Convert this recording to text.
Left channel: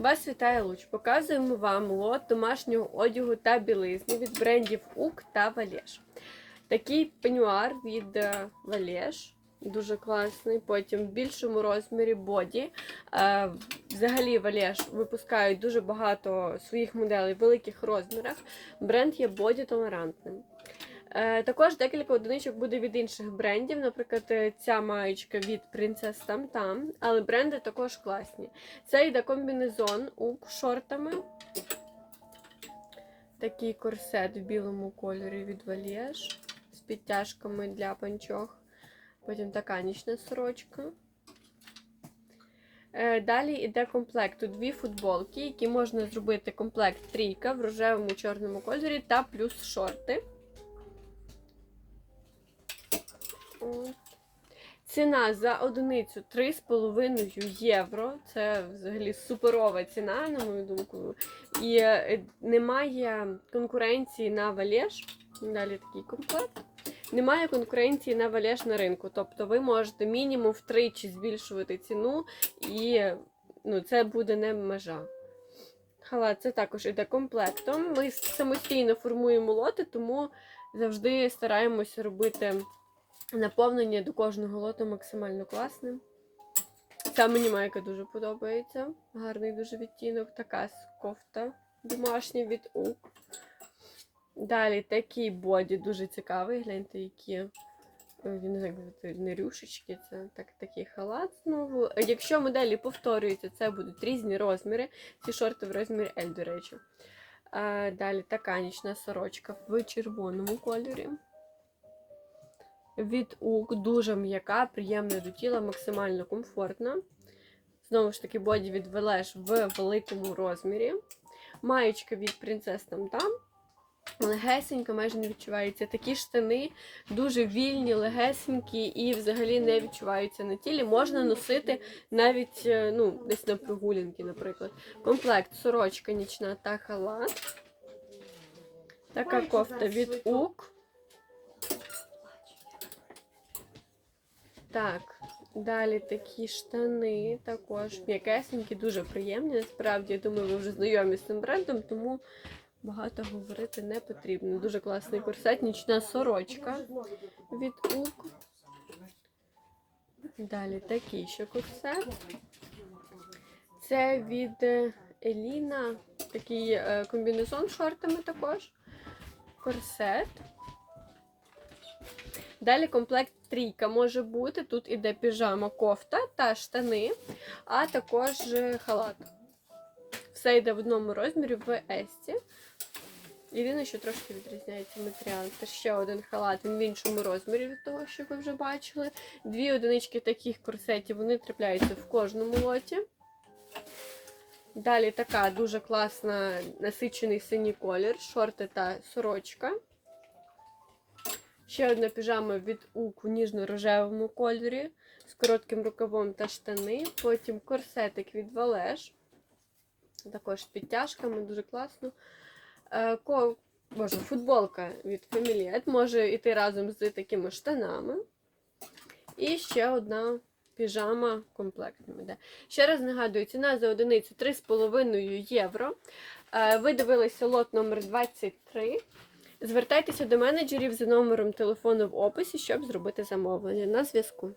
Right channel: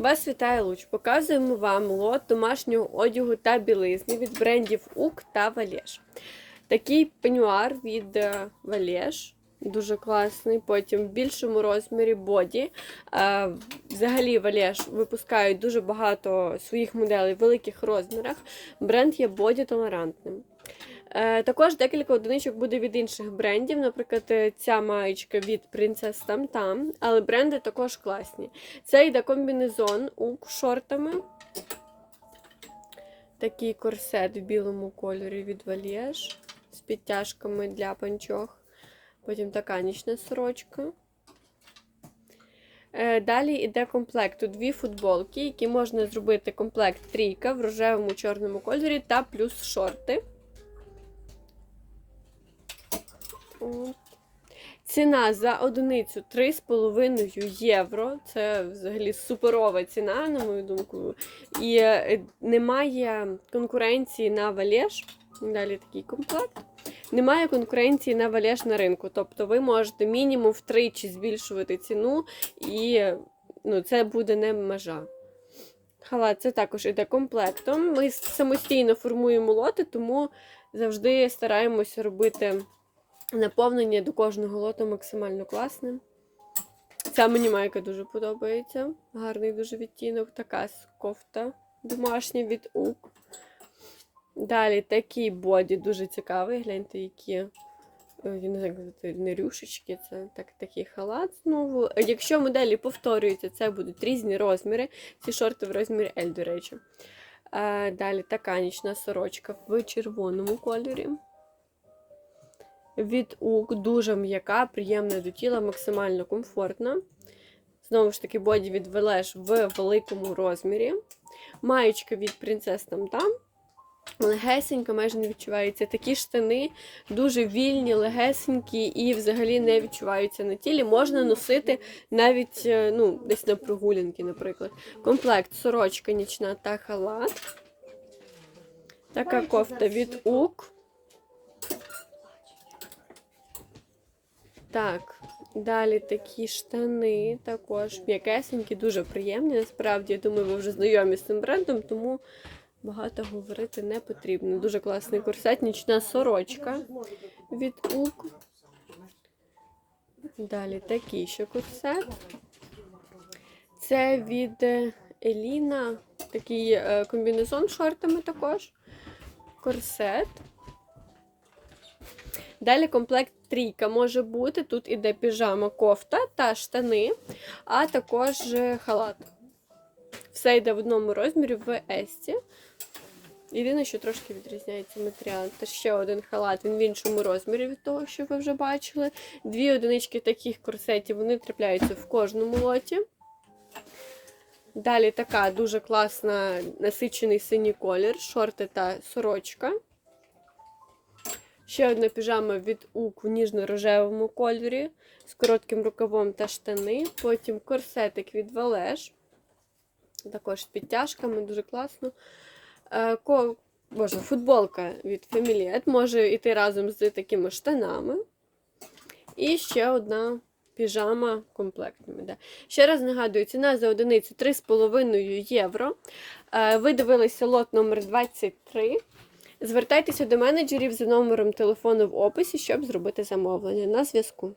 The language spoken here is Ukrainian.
Вас вітає Луч. Показуємо вам лот домашнього одягу та білизни від брендів УК та Валєш. Такий пенюар від е, Валєш. Дуже класний. Потім в більшому розмірі боді. Е, Взагалі Валєш випускають дуже багато своїх моделей в великих розмірах. Бренд є боді толерантним. Е, Також декілька одиничок буде від інших брендів. Наприклад, е, ця маєчка від Princess Tam Tam, але бренди також класні. Це йде комбінезон у шортами. Такий корсет в білому кольорі від Valiege з підтяжками для панчох. Потім така нічна сорочка. Е, Далі йде комплект. Тут дві футболки, які можна зробити комплект трійка в рожевому чорному кольорі та плюс шорти. Ціна за одиницю 3,5 євро. Це взагалі суперова ціна, на мою думку. І е, немає конкуренції на валеж. Далі такий комплект. Немає конкуренції на валеж на ринку. Тобто ви можете мінімум втричі збільшувати ціну, і ну, це буде не межа. Халат це також іде комплектом. Ми самостійно формуємо лоти, тому завжди стараємося робити наповнення до кожного лоту максимально класним. Ця мені майка дуже подобається. Гарний дуже відтінок. Така кофта домашня від УК. Далі такий боді дуже цікавий. Гляньте, які як не рюшечки, це так, такий халат знову. Якщо моделі повторюються, це будуть різні розміри. Ці шорти в розмірі L, до речі. Е, Далі така нічна сорочка в червоному кольорі. Від УК дуже м'яка, приємна до тіла, максимально комфортна. Знову ж таки, боді від Велеш в великому розмірі. Маєчка від Princess Там Там. Легесенька, майже не відчувається. Такі штани дуже вільні, легесенькі і взагалі не відчуваються на тілі. Можна носити навіть е, ну, десь на прогулянки, наприклад. Комплект сорочка нічна та халат. Така кофта від УК. Так, далі такі штани також м'якесенькі, дуже приємні. Насправді, я думаю, ви вже знайомі з цим брендом, тому багато говорити не потрібно. Дуже класний корсет, нічна сорочка від УК. Далі такий ще корсет. Це від Еліна, такий е, комбінезон з шортами також. Корсет. Далі комплект трійка може бути. Тут іде піжама, кофта та штани, а також е, халат. Все йде в одному розмірі в Есті. Єдине, що трошки відрізняється матеріал. Це ще один халат, він в іншому розмірі від того, що ви вже бачили. Дві одинички таких корсетів вони трапляються в кожному лоті. Далі така дуже класна насичений синій колір, шорти та сорочка. Ще одна піжама від УК в ніжно-рожевому кольорі з коротким рукавом та штани. Потім корсетик від Валеш. Також з підтяжками, дуже класно. Е, Ко... Боже, футболка від Familiet може йти разом з такими штанами. І ще одна піжама комплектними. Да. Ще раз нагадую, ціна за одиницю 3,5 євро. Е, Ви дивилися лот номер 23. Звертайтеся до менеджерів за номером телефону в описі, щоб зробити замовлення. На зв'язку.